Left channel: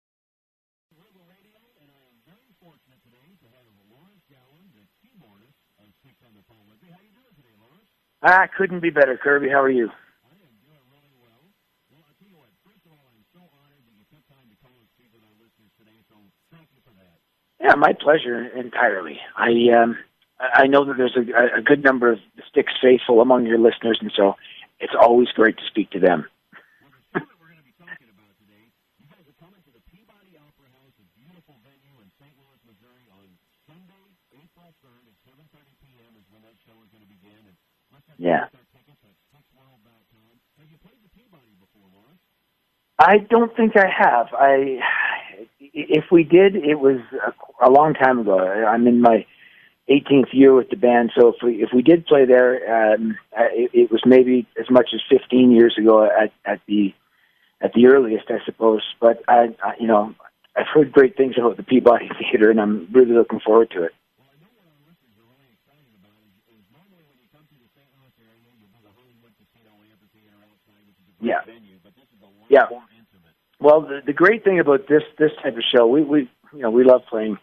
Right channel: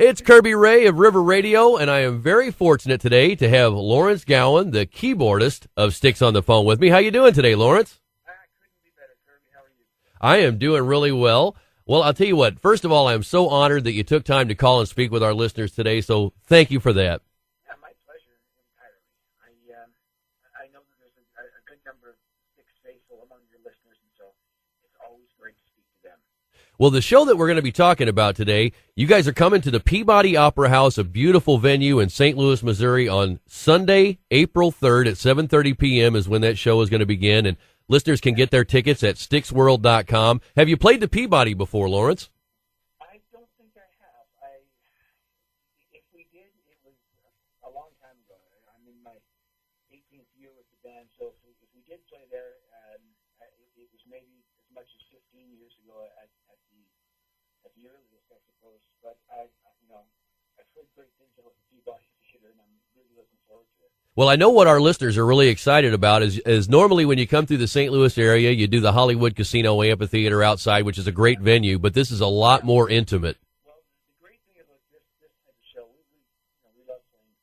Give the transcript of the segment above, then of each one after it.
It's Kirby Ray of River Radio, and I am very fortunate today to have Lawrence Gowan, the keyboardist of Styx, on the phone with me. How you doing today, Lawrence? Couldn't be better, Kirby. How are you? I am doing really well. Well, I'll tell you what. First of all, I'm so honored that you took time to call and speak with our listeners today, so thank you for that. Yeah, my pleasure entirely. I know that there's a good number of Styx faithful among your listeners, and so it's always great to speak to them. Well, the show that we're going to be talking about today, you guys are coming to the Peabody Opera House, a beautiful venue in St. Louis, Missouri, on Sunday, April 3rd at 7:30 p.m. is when that show is going to begin, and listeners can get their tickets at styxworld.com. Have you played the Peabody before, Lawrence? I don't think I have. If we did, it was a long time ago. I'm in my 18th year with the band, so if we did play there, it was maybe as much as 15 years ago at the earliest, I suppose. But I've heard great things about the Peabody Theater, and I'm really looking forward to it. Well, I know what our listeners are really excited about is normally when you come through the St. Louis area, you do the Hollywood Casino Amphitheater outside, which is a great venue, but this is a lot more intimate. Well, the great thing about this type of show, we love playing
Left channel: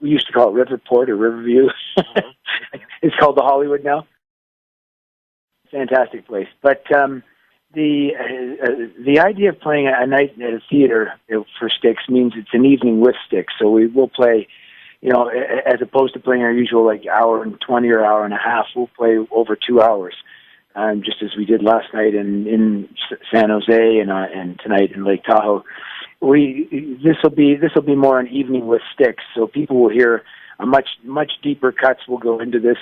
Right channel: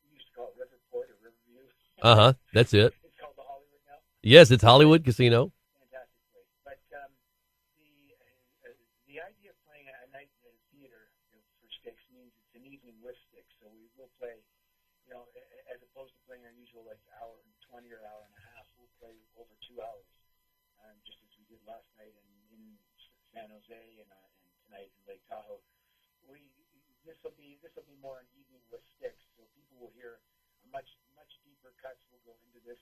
we used to call it Riverport or Riverview. That's it. It's called the Hollywood now. Yes, it's Hollywood Casino. Fantastic place. But the idea of playing a night at a theater for Styx means it's an evening with Styx. So we will play, as opposed to playing our usual hour and 20 or hour and a half, we'll play over 2 hours, just as we did last night in San Jose and tonight in Lake Tahoe. This will be more an evening with Styx, so people will hear a much deeper cuts will go into this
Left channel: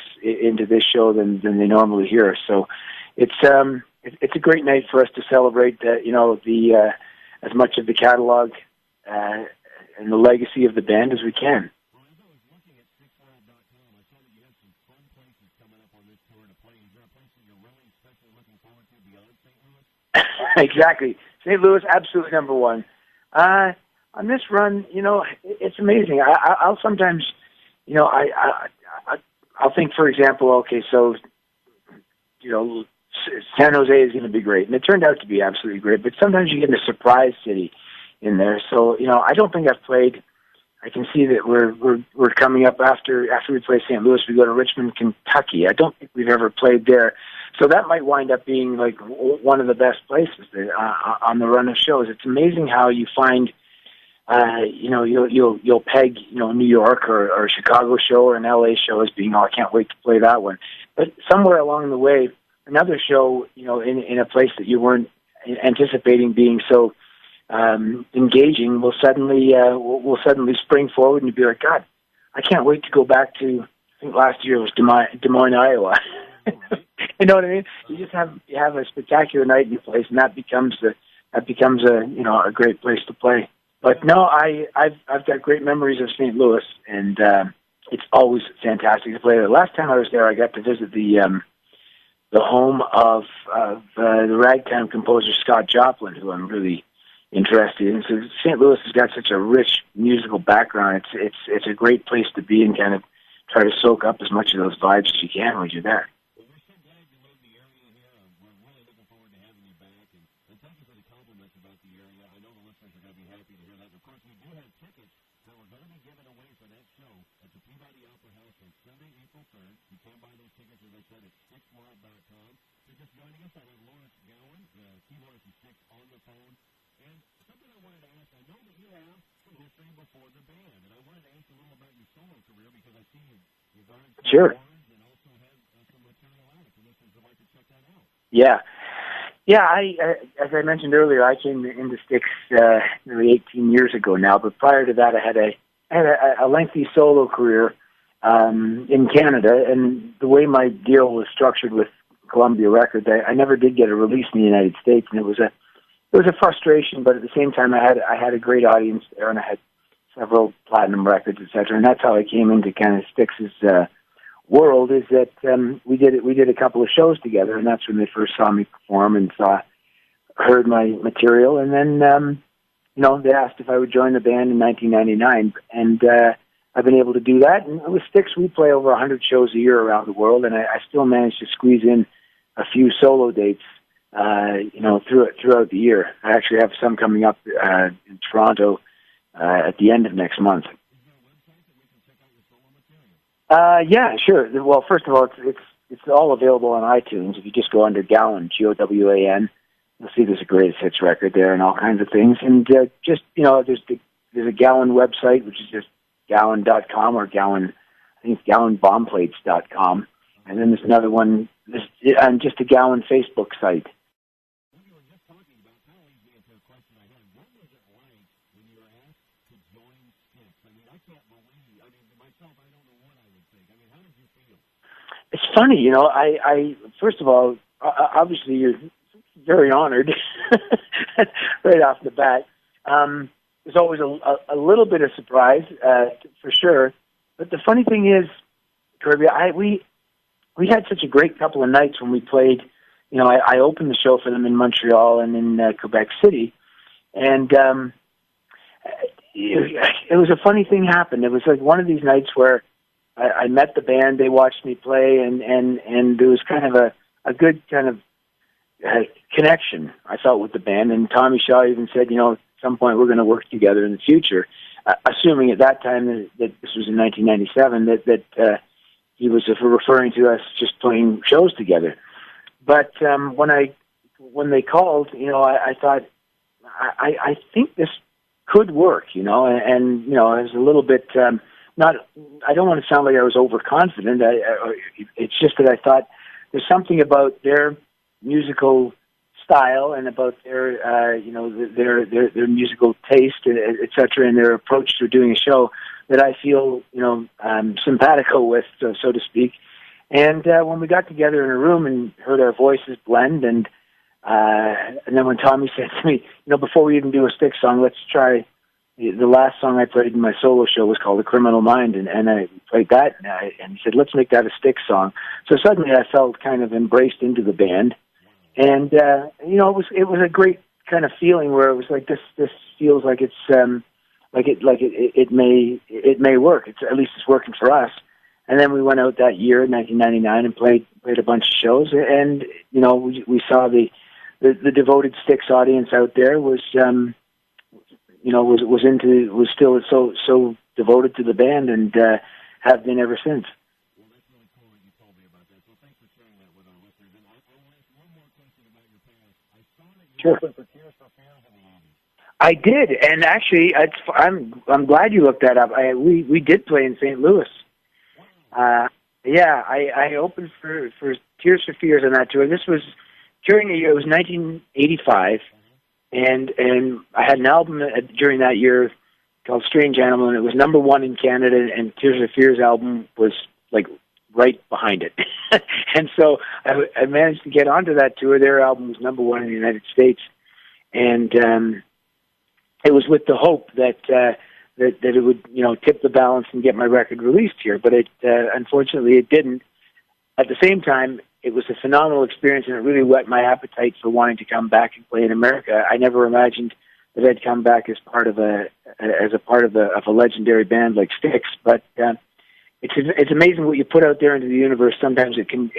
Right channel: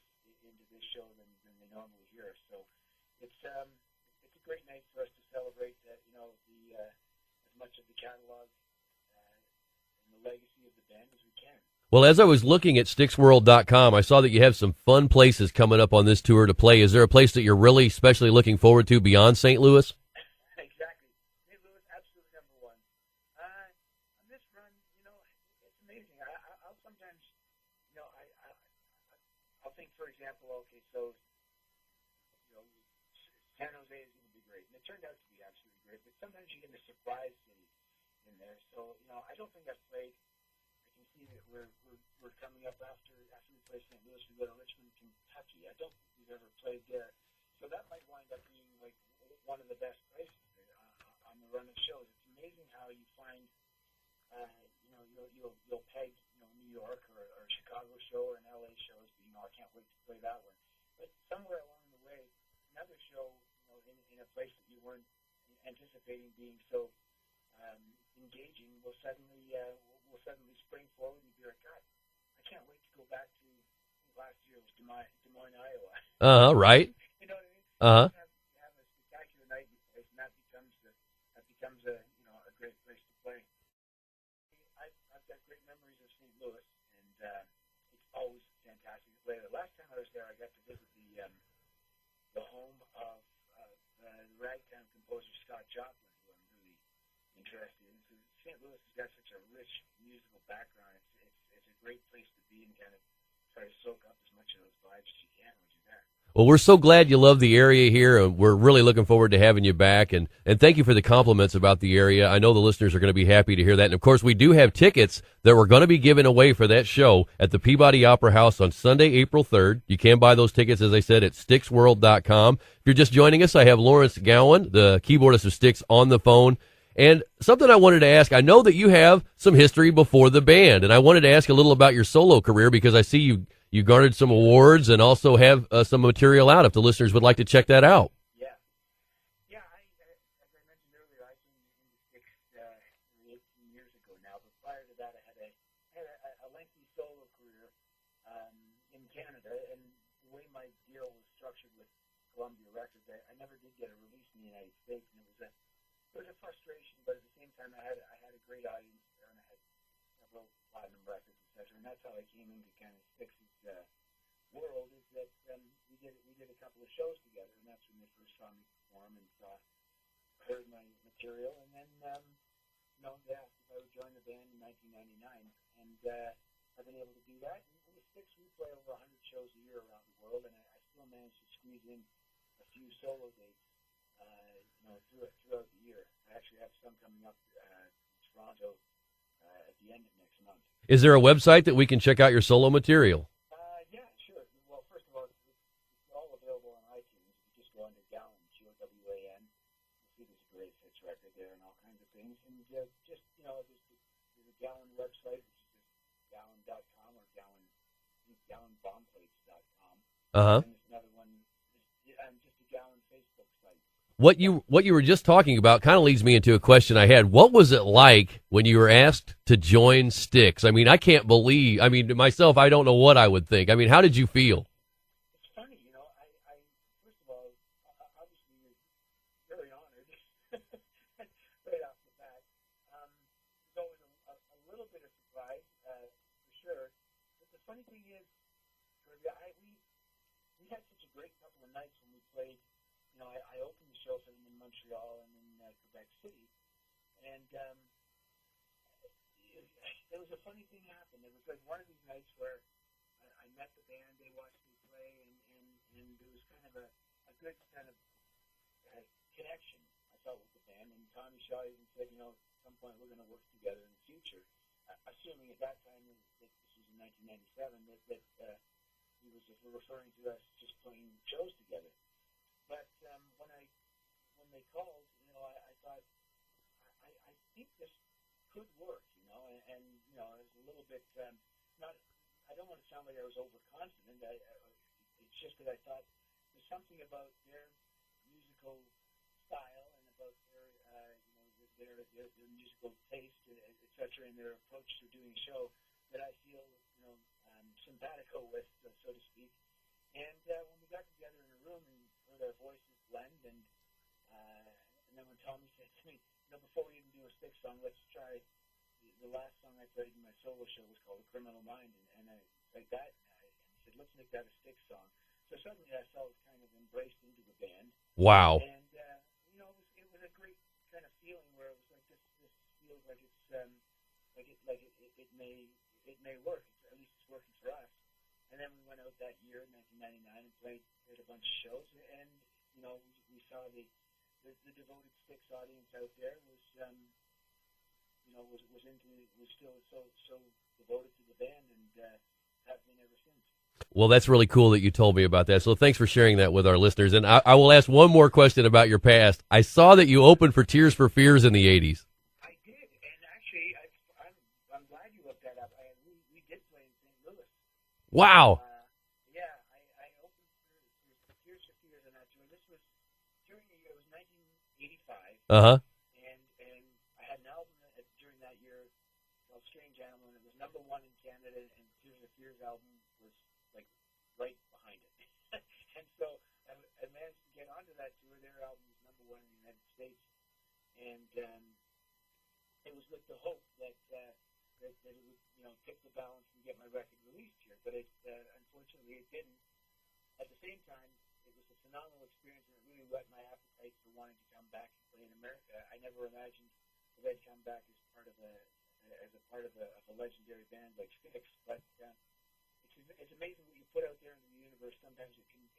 show than they normally hear. So it's a great night for us to celebrate as much of the catalog and the legacy of the band as we can. Well, as I was looking at styxworld.com, I saw that you have some fun places coming up on this tour to play. Is there a place that you're really especially looking forward to beyond St. Louis? Exactly. St. Louis, absolutely number one. On this run, it's amazing. I'll sometimes, I'll think, for example, okay, so, San Jose is going to be great, and it turned out to be absolutely great. But sometimes you get in a surprise city in there. So, I don't think I've played. I can see that we're coming up after we play St. Louis. We go to Richmond, Kentucky. I don't think we've ever played there. So that might wind up being one of the best places on the run of shows. It's amazing how you find, you'll peg, New York or a Chicago show or an LA show as being, I can't wait to play that one. But somewhere along the way, another show, in a place that you weren't anticipating being so engaging will suddenly spring forward and you'll be like, God, I can't wait to go back to. I think last year was Des Moines, Iowa. Right. You know what I mean? You have a spectacular night in your place, and that becomes a great place to play. But no, I've got great memories of St. Louis, and it's always fantastic to play there. Last time I was there, I got to visit the home of the ragtime composer Scott Joplin, who I'm really interested in. So St. Louis has got such a rich musical background. It's a great place to be and kind of try to soak up as much of those vibes as you can when you're there. Well, we're so glad you love the area here, and we're really looking forward to having you back. And thank you for the compliments about the area. I know the listeners are going to be happy to hear that. And, of course, we do have tickets that we're going to be giving away for that show at the Peabody Opera House on Sunday, April 3rd. You can buy those tickets, as I said, at styxworld.com. If you're just joining us, I have Lawrence Gowan, the keyboardist of Styx, on the phone. And something I wanted to ask, I know that you have some history before the band, and I wanted to ask a little about your solo career because I see you garnered some awards and also have some material out if the listeners would like to check that out. Yeah. As I mentioned earlier, I came into Styx nearly 18 years ago now, but prior to that I had a lengthy solo career in Canada, and the way my deal was structured with Columbia Records, I never did get a release in the United States, and it was a frustration, but at the same time I had a great audience there, and I had several platinum records, etc. And that's how I came into kind of Styx's world. Is that we did a couple of shows together, and that's when they first saw me perform and heard my material. And then they asked if I would join the band in 1999, and I've been able to do that. And with Styx, we play over 100 shows a year around the world, and I still manage to squeeze in a few solo dates throughout the year. I actually have some coming up in Toronto at the end of next month. Is there a website that we can check out your solo material? Yeah, sure. Well, first of all, it's all available on iTunes. If you just go under Gowan, Gowan, you'll see there's a greatest hits record there and all kinds of things. And there's a Gowan website, which is just Gowan.com or Gowan, I think it's GowanBombplates.com. And then there's another one, and just a Gowan Facebook site. What you were just talking about kind of leads me into a question I had. What was it like when you were asked to join Styx? I mean, myself, I don't know what I would think. I mean, how did you feel? It's funny, I first of all, obviously you're very honored right off the bat. There's always a little bit of surprise, for sure. But the funny thing is, Kirby, we had such a great couple of nights when we played. I opened the show for them in Montreal and in Quebec City, and it was a funny thing happened. It was like one of these nights where I met the band, they watched me play, and there was kind of a good kind of connection, I felt, with the band. And Tommy Shaw even said, at some point we're going to work together in the future, assuming at that time that this was in 1997, that he was referring to us just playing shows together. But when they called, I thought, I think this could work, and I was a little bit I don't want to sound like I was overconfident. It's just that I thought there's something about their musical style and about their their musical taste, et cetera, and their approach to doing a show that I feel simpatico with, so to speak. And when we got together in a room and heard our voices blend, and then when Tommy said to me, before we even do a Styx song, let's try the last song I played in my solo show was called "The Criminal Mind," and I played that, and he said, let's make that a Styx song. So suddenly I felt kind of embraced into the band. Wow! And it was a great kind of feeling where it was like this feels like it's it may work. At least it's working for us. And then we went out that year, 1999, and played a bunch of shows. And we saw the devoted Styx audience out there was still so devoted to the band, and have been ever since. Well, that's really cool that you told me about that. So thanks for sharing that with our listeners. And I will ask one more question about your past. I saw that you opened for Tears for Fears in the 80s. I did, and actually, I'm glad you looked that up. We did play in St. Louis. Wow. Yeah, I opened for Tears for Fears on that tour. This was during the year, it was 1985. Uh-huh. And I had an album during that year called Strange Animal, and it was number one in Canada, and Tears for Fears album was like right behind it. And so I managed to get onto that tour. Their album was number one in the United States. And it was with the hope that it would, tip the balance and get my record released here. But unfortunately, it didn't. At the same time, it was a phenomenal experience, and it really whet my appetite for wanting to come back and play in America. I never imagined that I'd come back as part of a legendary band like Styx. But it's amazing what you put out there into the universe. Sometimes it can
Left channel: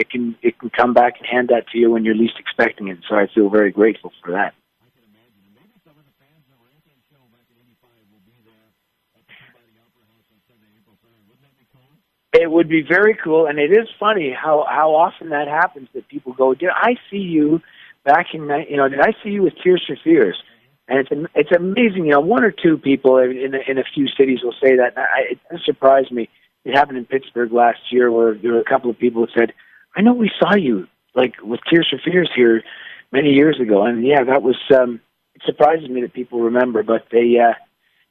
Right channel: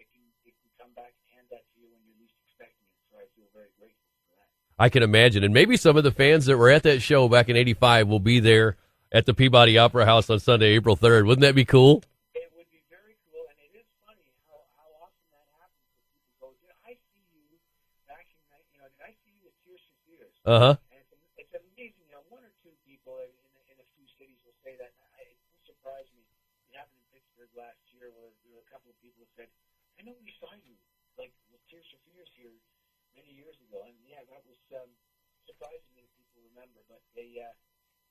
come back and hand that to you when you're least expecting it. So I feel very grateful for that. I can imagine. And maybe some of the fans that were at that show back in 85 will be there at the Peabody Opera House on Sunday, April 3rd. Wouldn't that be cool? It would be very cool. And it is funny how often that happens, that people go, did I see you back in, did I see you with Tears for Fears? Uh-huh. And it's amazing. One or two people in a few cities will say that. It surprised me. It happened in Pittsburgh last year, where there were a couple of people that said, I know we saw you like with Tears for Fears here many years ago. And yeah, that was, it surprises me that people remember, but they,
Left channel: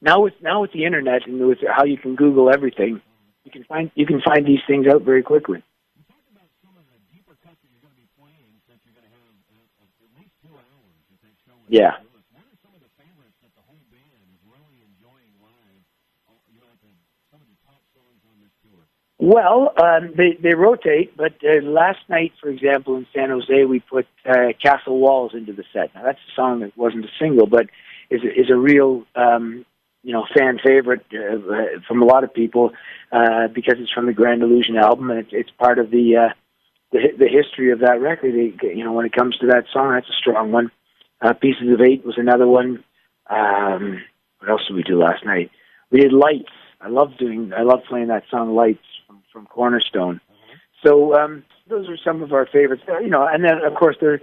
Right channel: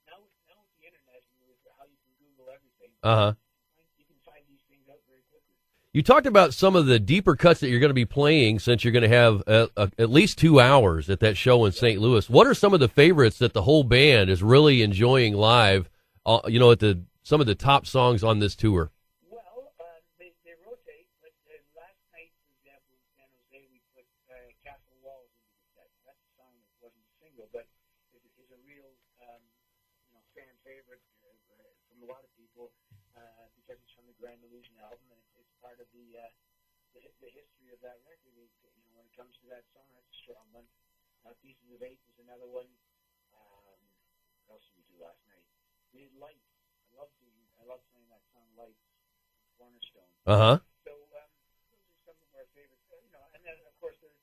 now with the internet and with how you can Google everything, uh-huh, you can find these things out very quickly. You talked about some of the deeper cuts that you're going to be playing, since you're going to have at least 2 hours at that show in St. Louis. What are some of the favorites that the whole band is really enjoying live, at some of the top songs on this tour? Well, they rotate, but last night, for example, in San Jose, we put Castle Walls into the set. Now, that's a song that wasn't a single, but is a real fan favorite from a lot of people, because it's from the Grand Illusion album, and it's part of the the history of that record. When it comes to that song, that's a strong one. Pieces of Eight was another one. What else did we do last night? We did Lights. I love playing that song Lights from Cornerstone. Uh-huh. So those are some of our favorites. And then of course they're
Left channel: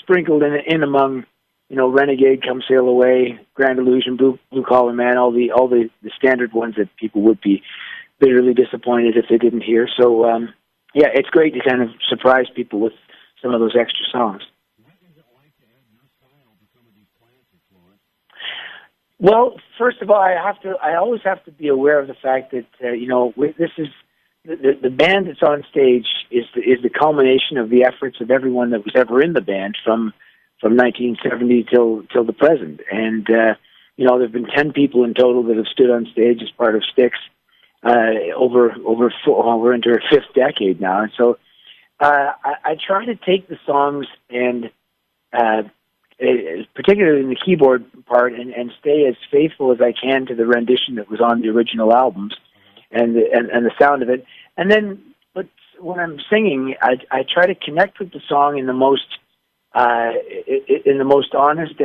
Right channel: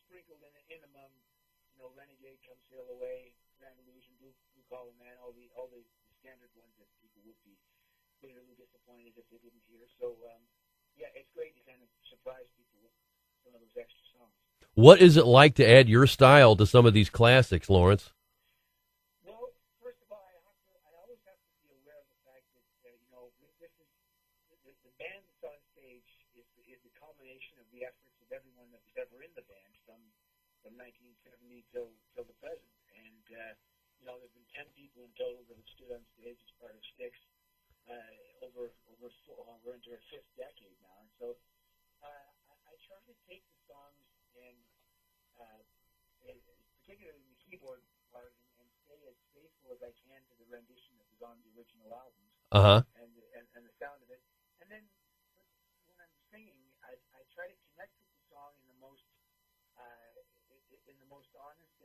sprinkled in among, Renegade, Come Sail Away, Grand Illusion, Blue Collar Man, all the standard ones that people would be bitterly disappointed if they didn't hear. So it's great to kind of surprise people with some of those extra songs. What is it like to add your style to some of these classics, Lawrence? Well, first of all, I always have to be aware of the fact that this is the band that's on stage is the culmination of the efforts of everyone that was ever in the band from 1970 till the present. And there've been 10 people in total that have stood on stage as part of Styx we're into our fifth decade now. And so I try to take the songs and particularly in the keyboard part, and stay as faithful as I can to the rendition that was on the original albums, and the sound of it. And then, but when I'm singing, I try to connect with the song in the most honest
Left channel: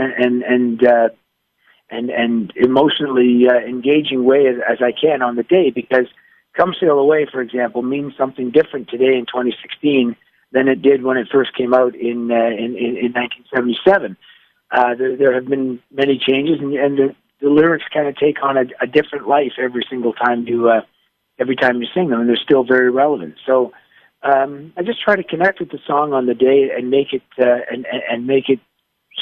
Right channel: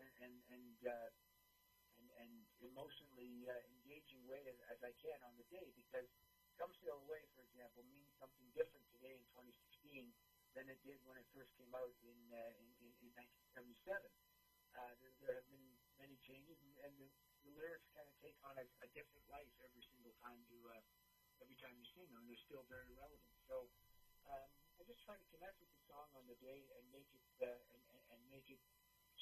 and emotionally engaging way as I can on the day, because Come Sail Away, for example, means something different today in 2016 than it did when it first came out in 1977. There have been many changes, and the lyrics kind of take on a different life every single time you sing them, and they're still very relevant. So I just try to connect with the song on the day and make it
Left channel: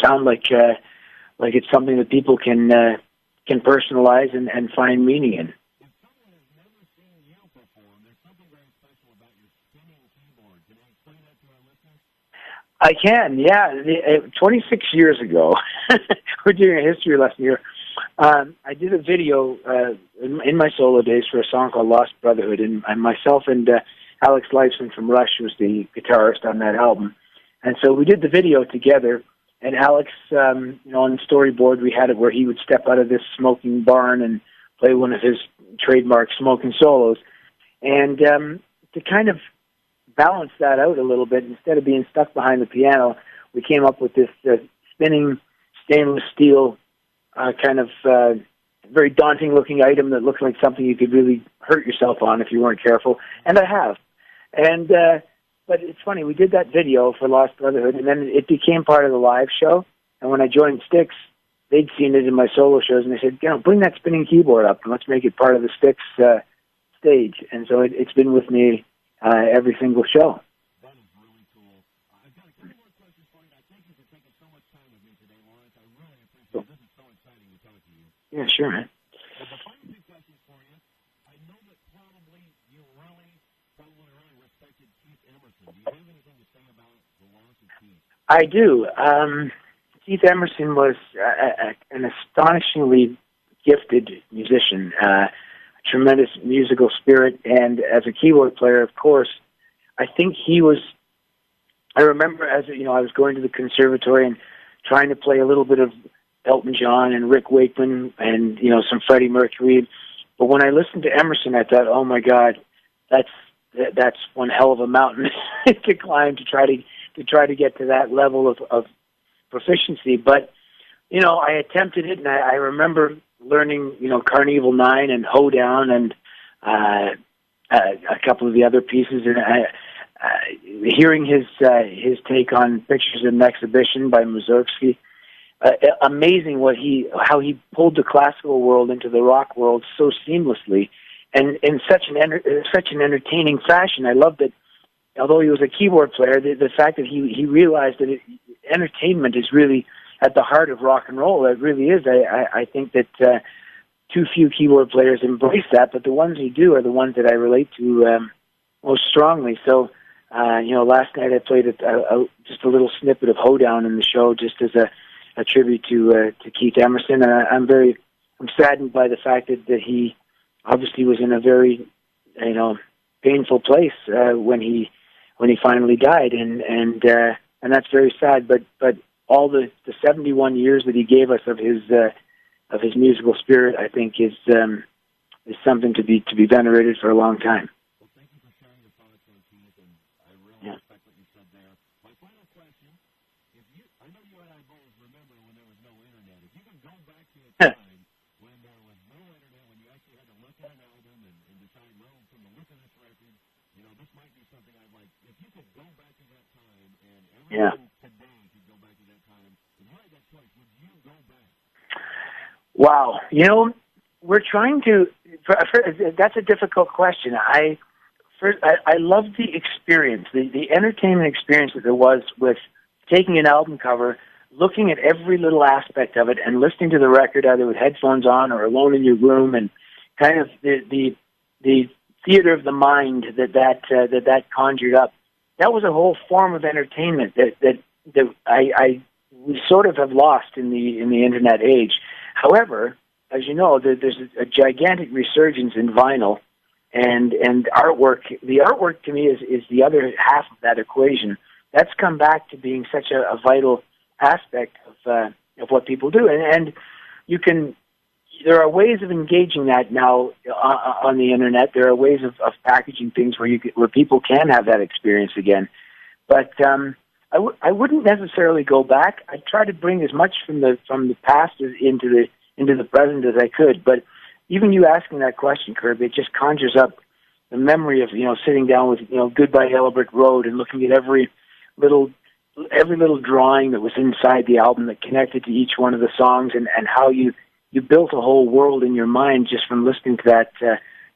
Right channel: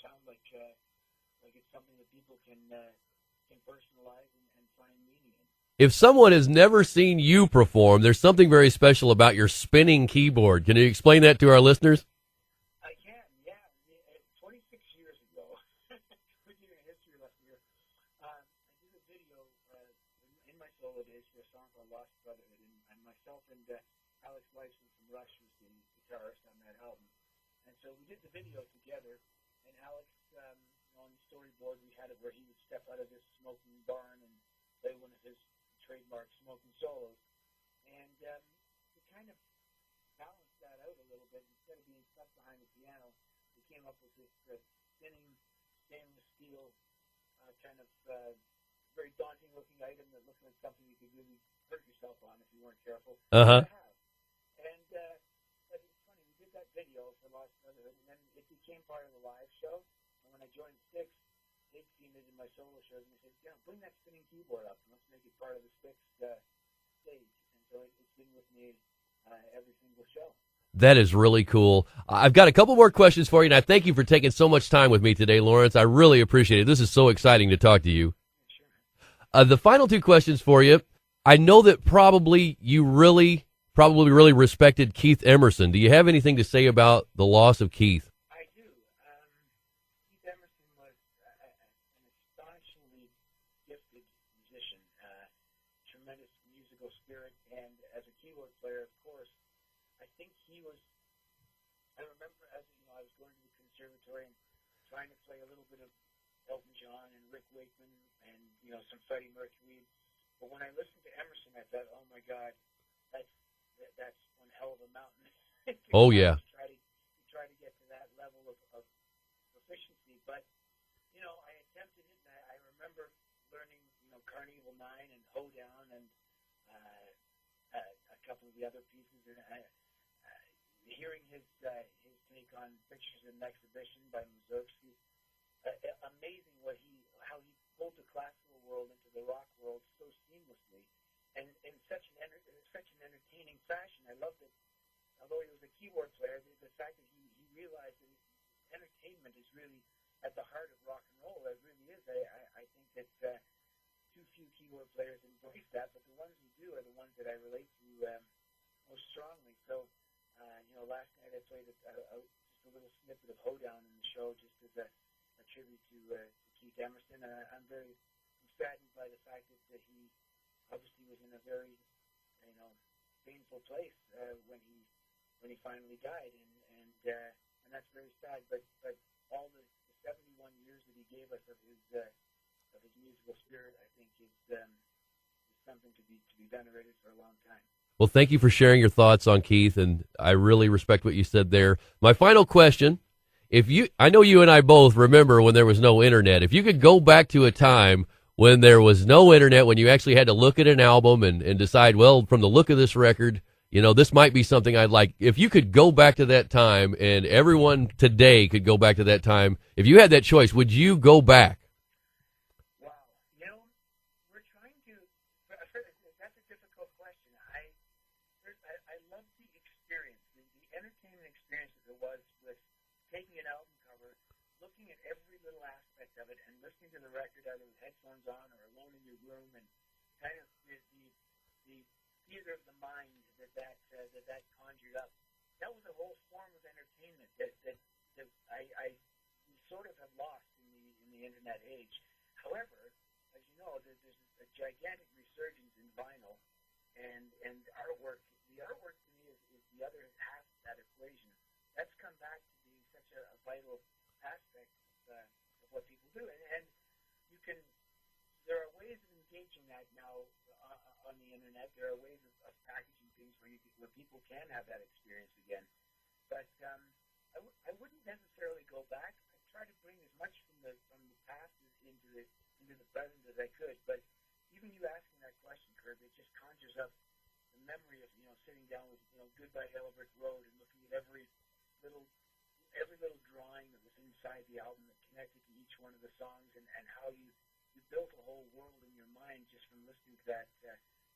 sound like it's something that people can personalize and find meaning in. If someone has never seen you perform, there's something very special about your spinning keyboard. Can you explain that to our listeners? I can, yeah. 26 years ago, we're doing a history lesson here. I did a video in my solo days for a song called Lost Brotherhood, and myself and Alex Lifeson from Rush was the guitarist on that album. And so we did the video together, and Alex, on the storyboard, we had it where he would step out of this smoking barn and play one of his trademark smoking solos. And to kind of balance that out a little bit, instead of being stuck behind the piano, we came up with this spinning stainless steel kind of very daunting looking item that looked like something you could really hurt yourself on if you weren't careful. And I have. And but it's funny, we did that video for Lost Brotherhood, and then it became part of the live show. And when I joined Styx, they'd seen it in my solo shows, and they said, bring that spinning keyboard up and let's make it part of the Styx stage. And so it's been with me every single show. That is really cool. I've got a couple more questions for you, and I thank you for taking so much time with me today, Lawrence. I really appreciate it. This is so exciting to talk to you. Yeah, sure, man. The final two questions for you. I know that probably you really respected Keith Emerson. Do you have anything to say about the loss of Keith? I do. Keith Emerson was an astonishingly gifted musician, a tremendous musical spirit, and as a keyboard player, of course, I think he was. I remember I was going to the conservatory and trying to play a little bit of Elton John and Rick Wakeman and some Freddie Mercury, but when I listened to Emerson, I thought, oh my God, that's one hell of a mountain to climb, to try to get to that level of proficiency. But I attempted it, and I remember learning Carnival 9 and Hoedown and a couple of the other pieces, and hearing his take on Pictures in an Exhibition by Mussorgsky. Amazing how he pulled the classical world into the rock world so seamlessly and in such an entertaining fashion. I loved it. Although he was a keyboard player, the fact that he realized that entertainment is really at the heart of rock and roll. It really is. I think that too few keyboard players embrace that, but the ones who do are the ones that I relate to most strongly. So, last night I played just a little snippet of Hoedown in the show, just as a tribute to Keith Emerson. And I'm saddened by the fact that he obviously was in a very painful place when he finally died, and that's very sad. But all the 71 years that he gave us of his musical spirit, I think is something to be venerated for a long time. Well, thank you for sharing your thoughts on Keith, and I really respect what you said there. My final question, I know you and I both remember when there was no internet. If you could go back to a time when there was no internet, when you actually had to look at an album and decide, well, from the look of this record, this might be something I'd like. If you could go back to that time, and everyone today could go back to that time, if you had that choice, would you go back? Wow. We're trying to, that's a difficult question. I loved the experience, the entertainment experience that there was with taking an album cover, looking at every little aspect of it, and listening to the record either with headphones on or alone in your room, and kind of the theater of the mind that conjured up. That was a whole form of entertainment that we sort of have lost in the internet age. However, as you know, there's a gigantic resurgence in vinyl and artwork. The artwork to me is the other half of that equation. That's come back to being such a vital aspect of what people do, and there are ways of engaging that now on the internet. There are ways of packaging things where people can have that experience again. But I wouldn't necessarily go back. I try to bring as much from the past into the present as I could. But even you asking that question, Kirby, it just conjures up the memory of sitting down with Goodbye Yellow Brick Road and looking at every little drawing that was inside the album that connected to each one of the songs, and how you built a whole world in your mind just from listening to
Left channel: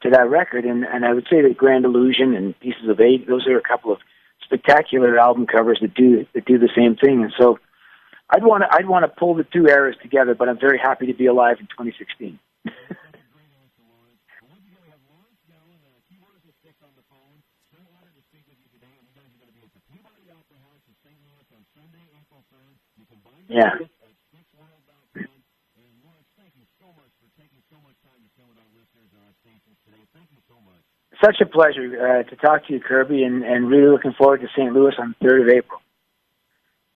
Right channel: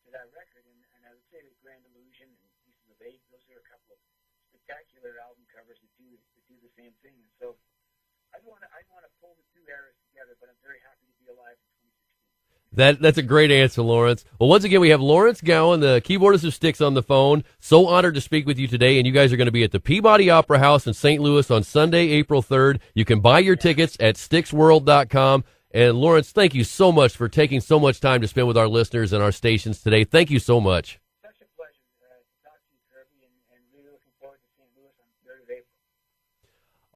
that record. And I would say that Grand Illusion and Pieces of Eight, those are a couple of spectacular album covers that do the same thing. And so I'd want to pull the two eras together, but I'm very happy to be alive in 2016. That's a great answer, Lawrence. Well, once again, we have Lawrence Gowan, the keyboardist of Styx, on the phone. So honored to speak with you today, and you guys are going to be at the Peabody Opera House in St. Louis on Sunday, April 3rd. You can buy your tickets at styxworld.com. And Lawrence, thank you so much for taking so much time to spend with our listeners and our stations today. Thank you so much. Such a pleasure to talk to you, Kirby, and really looking forward to St. Louis on the 3rd of April.